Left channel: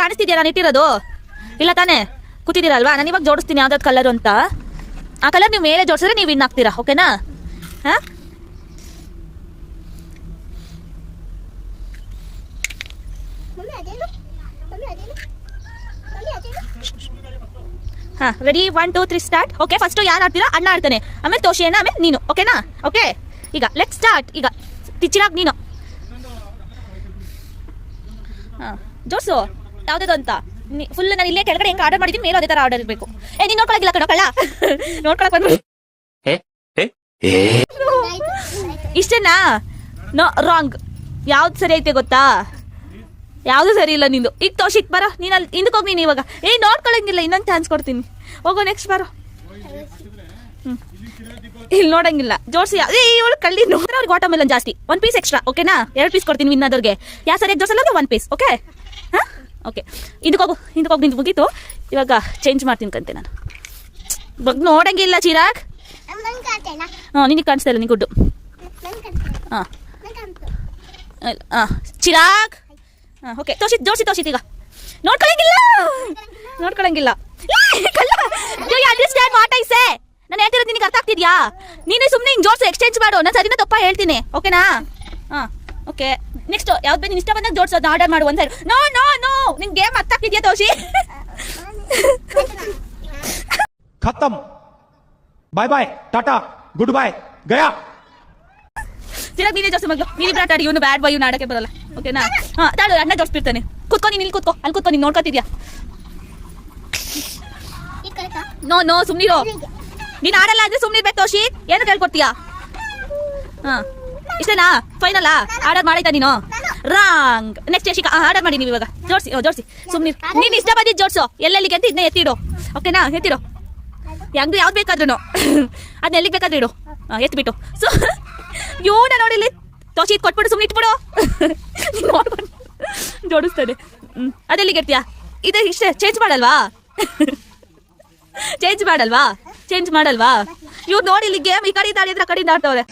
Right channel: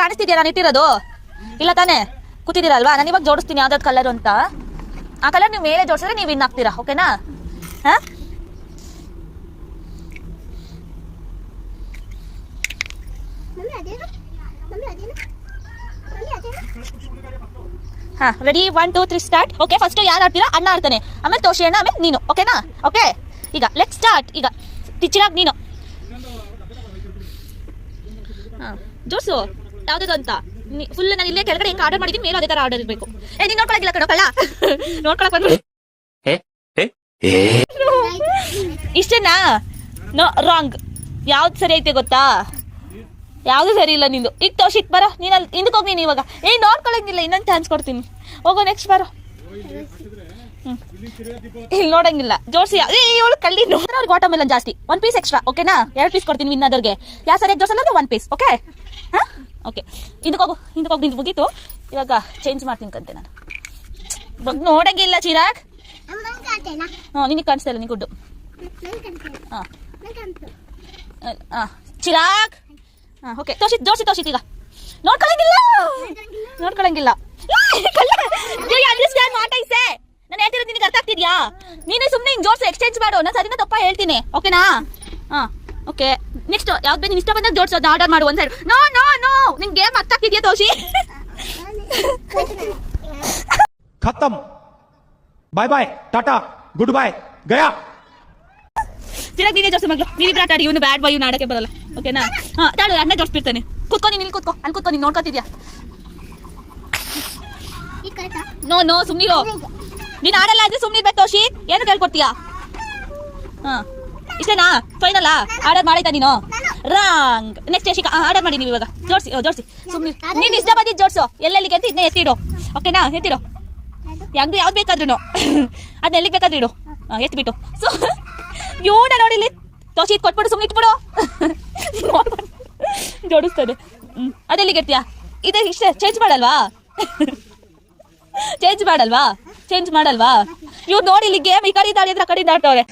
ಕಾಣಿಸ್ತಿದ್ಯಾ ನಾನು ಇಟ್ಟಿರೋದು? ಇಲ್ಲ ತಾನೇ? ಕೂತಿದ್ದೀರಲ್ವಾ? ನಾನು ಇವಾಗ ಜೋಡಿಸ್ತೀನಿ ಯಾವ್ದಾದ್ರು ಕಲರ್ ಅಂತ. ಆ ಕಲರ್ ನೀವು ಮೇಲೆ ಜೋಡಿಸಿದ್ರೆ ನೀವು ವಿನ್ ಆಗ್ತೀರಾ, ಓಕೆನಾ? ಹಾ ಹಾ, ರೆಡಿ? 1 2 3 ಸ್ಟಾರ್ಟ್. ಓಕೆ, ಫಸ್ಟ್ ಯಾರು ಆಡ್ತೀರಾ? ಅಣ್ಣ ಆಡ್ತಾನೆ, ಆಮೇಲೆ ತೋಷಿ ಅಣ್ಣ, ಆಮೇಲೆ ನೀನು, ಓಕೆನಾ? ಓಕೆ, ಈಗ ಲೆಟ್ ಸ್ಟಾರ್ಟ್. ಈಗ ಟೀಚರಾಗಿ ನೀನು ಜೋಡ್ಸು ಯಾವ್ದು ಅಂತ. ಫುಲ್ ನಾನು ಇಲ್ಲೇ ಕೆಳಗಡೆ ಹೆಂಗೆ ಆರ್ಡರ್ ಮಾಡಿದ್ದೀನಿ ಮೇಲೆ ಅದೇ ತರ ಆರ್ಡರ್ ಇರಬೇಕು. ನೀನು ನೋಡ್ಕೊಳಕಿಲ್ಲ ಕಣೋ ಕಳ್ಳ. ನೋಡ್ಕೊಳಕ್ ಬಂದ್ಬಿಡಿ. ಇಷ್ಟೇನಾ? No, wrong. ಯಾವ್ದು ಸರಿ ಐತೆ ಗೊತ್ತಾ? ಯಾವ್ದು ಸರಿ ಇಲ್ಲ ನಿಂದು. ಈಗ ತೋಷಿತ್ ಬರೋ, ನೀನು ಅಲ್ಲಿ ಹಿಂದಕ್ಕೆ ಹೋಗಿ. ನೀನು ಇವಾಗ ನೋಡ್ಕೊಳಂಗಿಲ್ಲ, ಇನ್ನೊಂದು ಚಾನ್ಸ್ ಕೊಡ್ತೀನಿ. ಹೋಗೋ, ನೆಕ್ಸ್ಟ್ ಬರೋ. ಇಲ್ಲಿ ನೋಡಂಗಿಲ್ಲ, ಜೋಡಿಸಿ. ಇವಳು ಕಳ್ಳಿ ನೋಡ್ರೆ ಅವ್ರಿಗೆ ವಾಟರ್ ಮೆಲನ್ ಜಾಸ್ತಿ. 1 ಪೀಸ್ ಎಕ್ಸ್ಟ್ರಾ, ಓಕೆನಾ? 2 ಪೀಸ್ ಕೊಡ್ತೀನಿ ವಿನ್ ಆದವ್ರಿಗೆ. ಯಾವ ಸರಿಯಾಗಿ ಜೋಡಿಸಲ್ಲ 1 ಪೀಸ್, ಓಕೆ? ಹಾಂ, ಓಕೆ. ಹಿಂದಕ್ಕೆ ಹೋಗಿ ನಿಂದು ಮುಗೀತು. ಇವಾಗ ಚೇಂಜ್ ಮಾಡ್ತೀನಿ ಕಂತೆ ನಾನು. ನೋಡಂಗಿಲ್ಲ ಚಿರಾಗ್. ಹಾಂ, ನಿನಗೆ ಕಾಣಿಸ್ತಾ ಇಲ್ಲ, ನಿಂಗೆ ಗುಡ್ಡು. ಹಾಂ ಹಾಂ, ಚಿರಾಗ್. ಹಾಂ, ಓಕೆ. ತೋಷಿತ್ ಈಗ ನೋಡ್ಕೊಳಂಗಿಲ್ಲ. Understand what I say? ನಾನು ಹೇಳ್ತಿರೋದು ನಿನಗೆ ಅರ್ಥ ಆಗ್ತಿದ್ಯಾ? ನೀನೇ ಸುಮ್ಮನೆ ಹಿಂಗೆ ಜೋಡಿಸಿ ಎಕ್ಸ್ಚೇಂಜ್ ಮಾಡು. ನಾನು ಸರಿನಾ ತಪ್ಪ ಹೇಳ್ತೀನಿ, ಓಕೆನಾ? ಹಾಂ, ಓಕೆ. ನೆಕ್ಸ್ಟ್ ಯಾವ್ದು ಬೇಕು ನಿನ್ನ ಇಷ್ಟ ಬಂದಾಗ ಜೋಡಿಸೋದು ಆರ್ಡರ್ ಮಾಡು. ಒಂದು ಸೈಡ್. ನೋ, ನಿನ್ ಗೇಮ್ ಅರ್ಥ ಆಗ್ತಿದ್ಯಾ ತೋಷಿ? खत्म, bye bye, tata, good bye, गया. ಚಿರಾಗ್ ನೀನೇ ಜೋಡಿಸಿ ಮಗಳು. ನೀವಿಬ್ರು ಆಟ ಆಡಿ. ಇವನು ಬ್ಯಾಡ್ ಬಾಯ್, ಇವ್ನು ಆಡಕ್ಕೆ ಬರಲ್ಲ, ಓಕೆನಾ? ಹಾಂ, ತಾಳು, ಅಣ್ಣ ಜೋಡಿಸ್ಬಿಡ್ತಾನೆ. ಕೂತ್ಕೊ, ನೀನು ಇಲ್ಲಿ ಕೂತ್ಕೊ. ಅಲ್ಲಿ ಕೂತ್ಕೊ, ನೀನು ನೋಡ್ಕೊತಿದ್ಯಾ? ನೋ, ಸುಮ್ಮನಿರೋ. ನೀನು ಆಡಲ್ಲ ಅಂದ್ರೆ ಸುಮ್ಮನಿರ್ಬೇಕು ತೋಷಿ. ಏನು ಕೇಳ್ಕೊಡ್ತೀಯಾ? ಹಾಂ, ಇಷ್ಟೇನಾ? ಫೈನಲ್ಲಾ? ಆರ್ಡರ್ ಮಾಡಾಯ್ತಾ ನೀನು? ರಾಂಗ್. ನೆಕ್ಸ್ಟ್ ಯಶಿಕಾ ಆರ್ಡರ್ ಮಾಡಿ. ನೀವು ಇವಾಗ ಜೋಡಿಸಿ ಸುಮ್ಮನೆ. ನೀನು ಇಷ್ಟ ಬಂದಿದ್ದು ಜೋಡಿಸು. ಎಲ್ಲೆಲ್ಲಿಗೆ ಅಂತ ಇದನ್ನ ಎತ್ತಿಡು, ಓಕೆನಾ? ಎತ್ತಿಡು. ಹೆಂಗ್ ಯಾವ್ದು ಬೇಕಾದ್ರೂ ಅದನ್ನ ಎಲ್ಲಿಗೆ ಬೇಕಾದ್ರೂ ಇಡು. ಎತ್ಬಿಟ್ಟು ಇವನ ನೋಡಿಲ್ಲಿ ತೋಷಿ ಕೊಟ್ಬಿಡು. ಸುಮ್ಮನೆ ಇಟ್ಬಿಡು. ಜೋಡಿಸ್ತದೆ. ಅದೆಲ್ಲಿಗೆ ಎತ್ತೀಯಾ? ಇದು ಇಷ್ಟೇ. ಚೇಂಜ್ ಮಾಡಲ್ವಾ? ಚೇಂಜ್ ಮಾಡಲ್ವಾ? ಇವ್ರು ನೋಡಿ ಇಲ್ಲಿ ಗೇಮ್ ಈ ಕಡೆ ಆಡಿದ್ರೆ ಆ ಕಡೆ ಆಡ್ತವ್ರೆ.